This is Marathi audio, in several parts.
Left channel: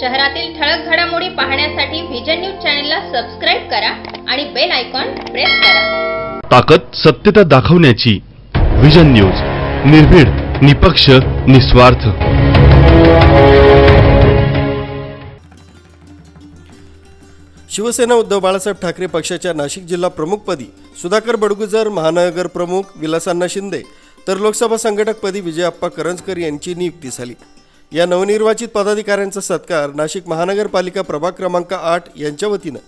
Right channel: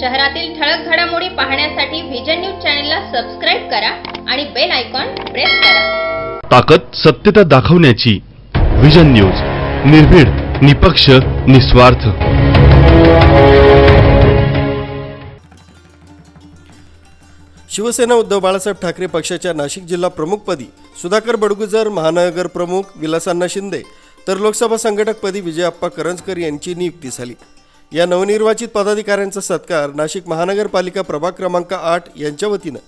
शहरातील ठळक घडामोडी पाहण्यासाठी व्हिजन न्यूज चॅनलला सबस्क्राईब करा आणि बेल आयकॉन प्रेस करा. ताकद सत्यता दाखवण्याची विजन न्यूज निर्भीड निपक्ष निस्वार्थ. शिवसेना उद्धव बाळासाहेब ठाकरे पक्षाच्या नाशिक जिल्हा प्रमुखपदी सुधाकर बडगुजर महानगर प्रमुख विलासांना शिंदे तर लोकसभा संघटकपदी विजयाप्पा करंजकर यांची नियुक्ती झाली. या नवनिर्वाचित पदाधिकाऱ्यांचा सत्कार नाशिक महानगरपालिका प्रभाग क्रमांक आठ यांच्या वतीनं.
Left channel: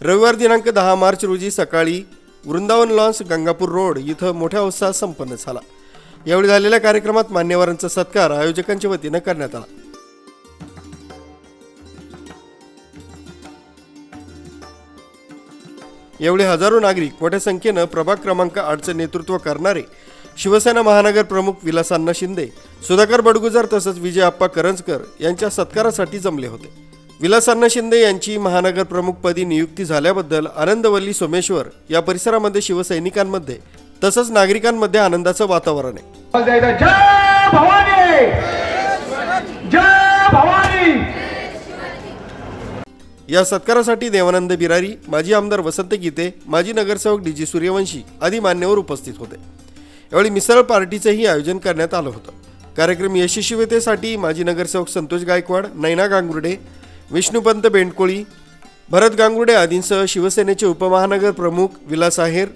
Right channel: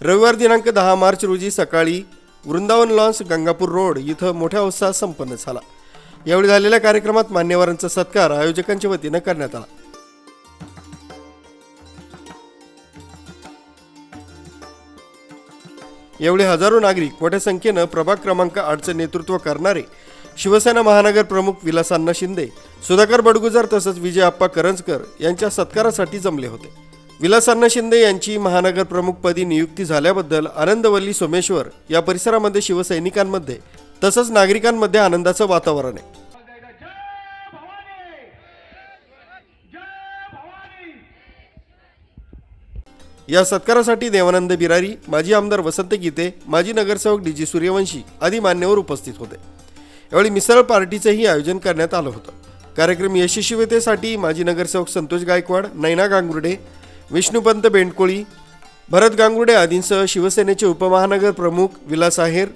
रविवार दिनांक दहा मार्च रोजी सकाळी वृंदावन लॉन्स गंगापूर रोड इथं मोठ्या उत्साहात संपन्न झाला. यावेळी झालेल्या कार्यक्रमात मान्यवरांचा सत्कार आयोजकांच्या वतीनं करण्यात आला. एवढे हजारो नागरिक मोठ्या संख्येनं प्रभाग क्रमांक आठचं नेतृत्व करणारे शिवसेना महानगर प्रमुख विलासांना शिंदे सुधाकर बडगुजर तसंच विजय आप्पा करंजकर यांच्या सत्कारासाठी जमले होते. विलासांना शिंदे यांची महानगर प्रमुखपदी नियुक्ती झाल्याबद्दल आनंदवल्ली सोमेश्वर या परिसरामध्ये शिवसैनिकांमध्ये तसंच नागरिकांमध्ये आनंदाचं वातावरण आहे. जय भवानी! जय भवानी! या सत्कारासाठी देवानंद बिरारी माजी आमदार वसंत गीते माजी नगरसेवक डी जी सूर्यवंशी आदी मान्यवर उपस्थित होते. यावेळी मिसळ पार्टीचंही आयोजन करण्यात आलं होतं. कार्यक्रम यशस्वीतेसाठी माजी नगरसेवक संतोष गायकवाड नैना गांगुर्डे विष्णुपंत बेंडकोळी भरत गांगुर्डे आदींसह शिवसेनेचे उपमहानगर प्रमुख विलास आहेर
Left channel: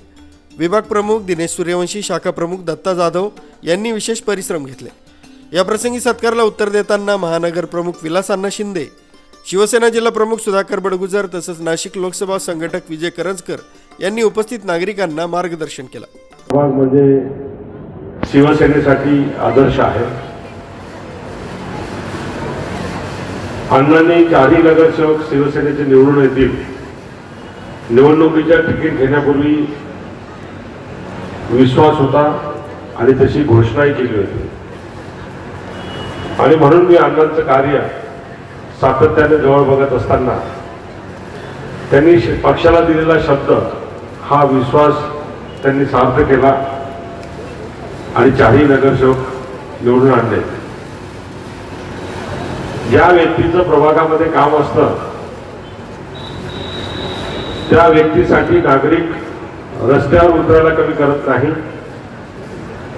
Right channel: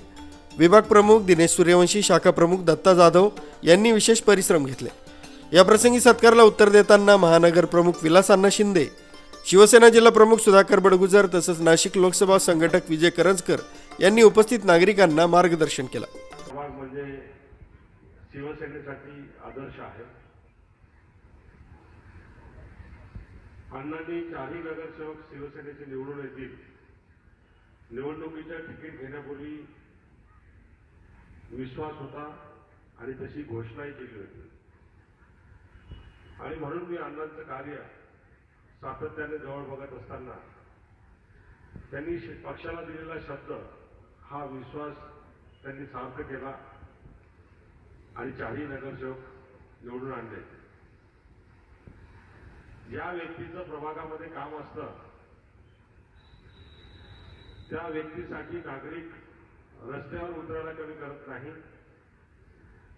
विभाग प्रमुख दिनेश सूर्यवंशी शाखा प्रमुख दत्ता जाधव यांनी विशेष परिश्रम घेतले. याप्रसंगी सत्कारला उत्तर देताना महानगर प्रमुख विलासांना शिंदे शिवसेना जिल्हा प्रमुख सुधाकर बडगुजर तसंच नाशिक लोकसभा संघटक विजय करंजकर यांनी उपस्थित नागरिकांना मार्गदर्शन केलं. प्रभाग म्हणजे शिवसेनेसाठी आदर्श आहे. अण्णांनी चारही नगरसेवक शिवसेनेचे निवडून येतील. निवडणुकीच्या तिकीट घेण्यापूर्वी विश्वास होता आणि तशी घोषणाही केली होती. आणि म्हणून मी अण्णांचं कार्य सातत्याने जवळ बघत असताना त्यांनी पक्षाला दिलेला शब्द हा विश्वास त्यांनी साध्य केला आणि चारही नगरसेवक निवडून आणले. ज्या व्यक्तीचं प्रभागामध्ये काम असतं त्या व्यक्तीसाठी नागरिक रस्त्यावर उतरायला कमी करत नाही.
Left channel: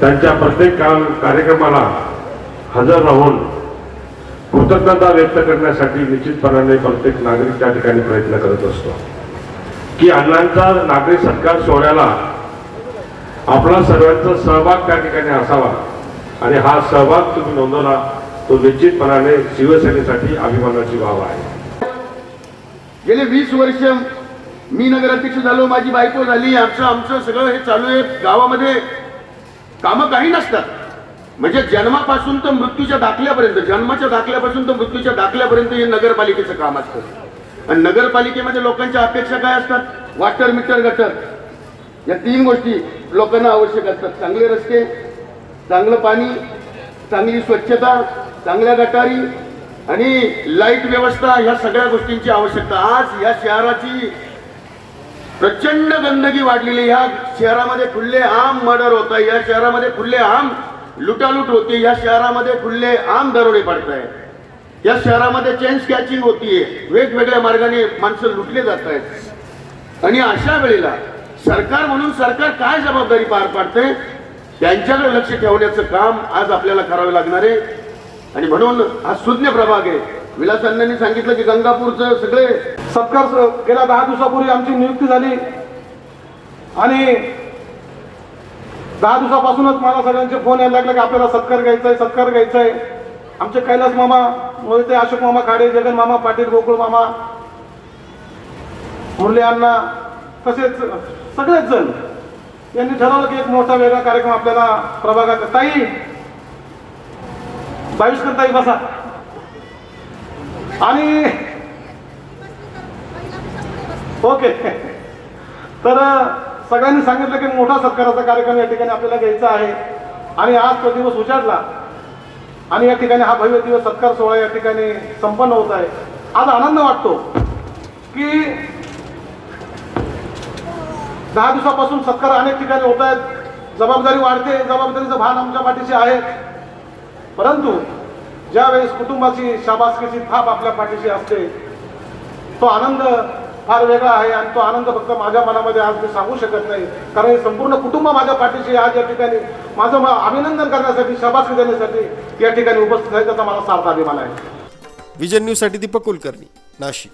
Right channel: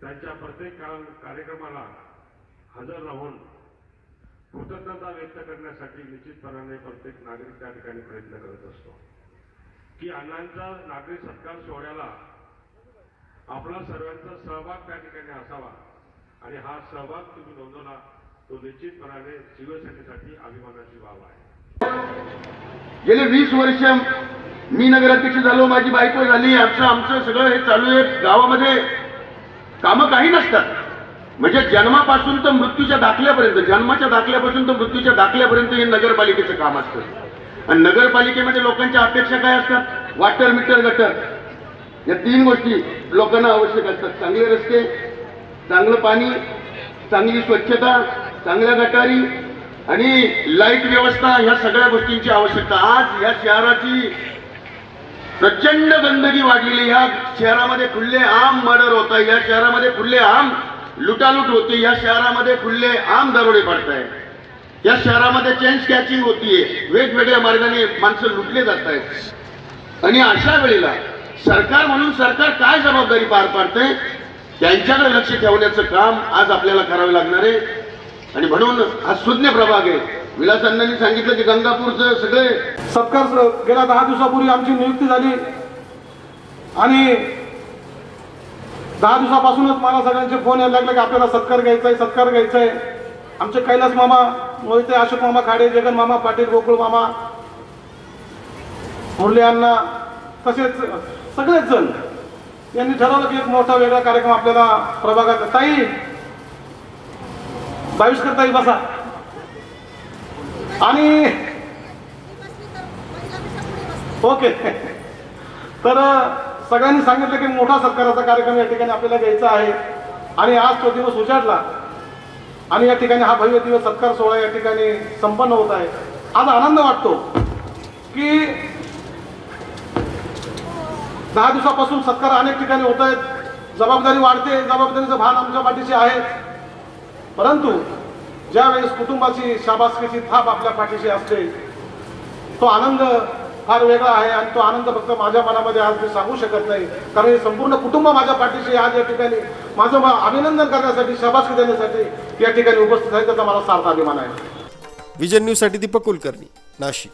त्यांच्या प्रत्येक काम कार्यक्रमाला हजर राहून कृतज्ञता व्यक्त करण्यासाठी निश्चितपणाने प्रत्येक नागरिक त्या ठिकाणी प्रयत्न करत असतो. की अण्णांचा नागरिक सत्कार सोहळ्याला आपला सर्वांचा सहभाग त्या ठिकाणी असावा. आणि हा सहभाग तुम्ही नोंदवला तो निश्चितपणाने शिवसेनेसाठी अभिमानाची बाब आहे. गेले वीस वर्ष मी नगराध्यक्ष झालो माझी बायको झाली आमचं आमचं सगळं हे चालू आहे गावामध्ये. कामं काही नसतात. म्हणजे जन्मापासून तर मृत्यूच्या दाखल्यापर्यंत जन्माच्या दाखल्यापासून तर मृत्यूच्या दाखल्यापर्यंत हे नगरपालिकेचं काम असतं. आणि नगरपालिकेमध्ये लोकांच्या अपेक्षा काय असतात? Water meter gutter. या तीन गोष्टी लोकांना आवश्यक असतात. चांगले रस्ते चांगलं पाणी चांगली स्वच्छता चांगल्या गटारी आणि लाइट व्यवस्था ह्या सगळ्या गोष्टींची आवश्यकता. आज या शहराची प्रचंड गंदगी वाढलेली या शहरामध्ये खुल्ले आम मर्डर होत आहे. या शहरामध्ये खुल्ले आम लुटालूट होती. या शहरामध्ये खुल्ले आम दरोडे पडत आहे या शहरामध्ये चेन स्कॅचिंग होतीये. वेगवेगळ्या मार्गाने माणसं लुटले जात आहेत. आणि अशा वेळेला सरकार म्हणून सरकार काय जबाबदारी पार पाडते त्यांच्याकडे लक्ष ठेवण्याचं काम आज आपल्याला करावं लागणार आहे. आणि म्हणून हा सुज्ञ प्रभाग आहे. विलास सांगितलं की गंगापूरचं सगळे सत्कार गेल्या दहा दिवसापूर्वी आमची नियुक्ती झाली. आणि दहा दिवसापासूनच मला सगळ्यांचे फोन यायला लागले की आपल्याला सत्कार घ्यायचा आहे सत्कार घ्यायचा आहे आमचे कैलास मामा मोहिते अशोक मामा खाडे जगन मामा पाटील गोकुळ मामा मुरली अण्णा तसेच सगळेच जण यांनी ठरवलं की एक मोठा वेगळा कार्यक्रम आपल्याला प्रभागात ताई बावीसकर ताई बसा. आणि ओके. तर सगळ्यांनी सांगितलं की मोठा सत्काराचा कार्यक्रम या ठिकाणी आपल्याला घ्यायचा आहे. आणि आज तो दिवस उजाडला. आणि या ठिकाणी हा भव्य दिवस सत्कार सोहळा या ठिकाणी संपन्न होत आहे. आज आनंद वाटतो की दहा दिवसापासून सत्कार अनेक ठिकाणी होत आहेत. जबाबदारी वाढते जबाबदारीचं भान आमच्या पाठीशी आहे. परंतु ज्या वेळेस कुटुंबाची शाबासकीची थाप आपल्या पाठीशी असते तो आनंद फार वेगळा आहे आणि तो आनंद फक्त माझ्या मनामध्ये आज मी सांगू शकत नाही. कारण हे संपूर्ण कुटुंब माझ्या पाठीशी आज या ठिकाणी माझं अभिनंदन करण्यासाठी शाबासकी देण्यासाठी या ठिकाणी उपस्थित आहे त्याचा मला सार्थ अभिमान आहे. विजन न्यूजसाठी दीपक कुलकर्णी नाशिक.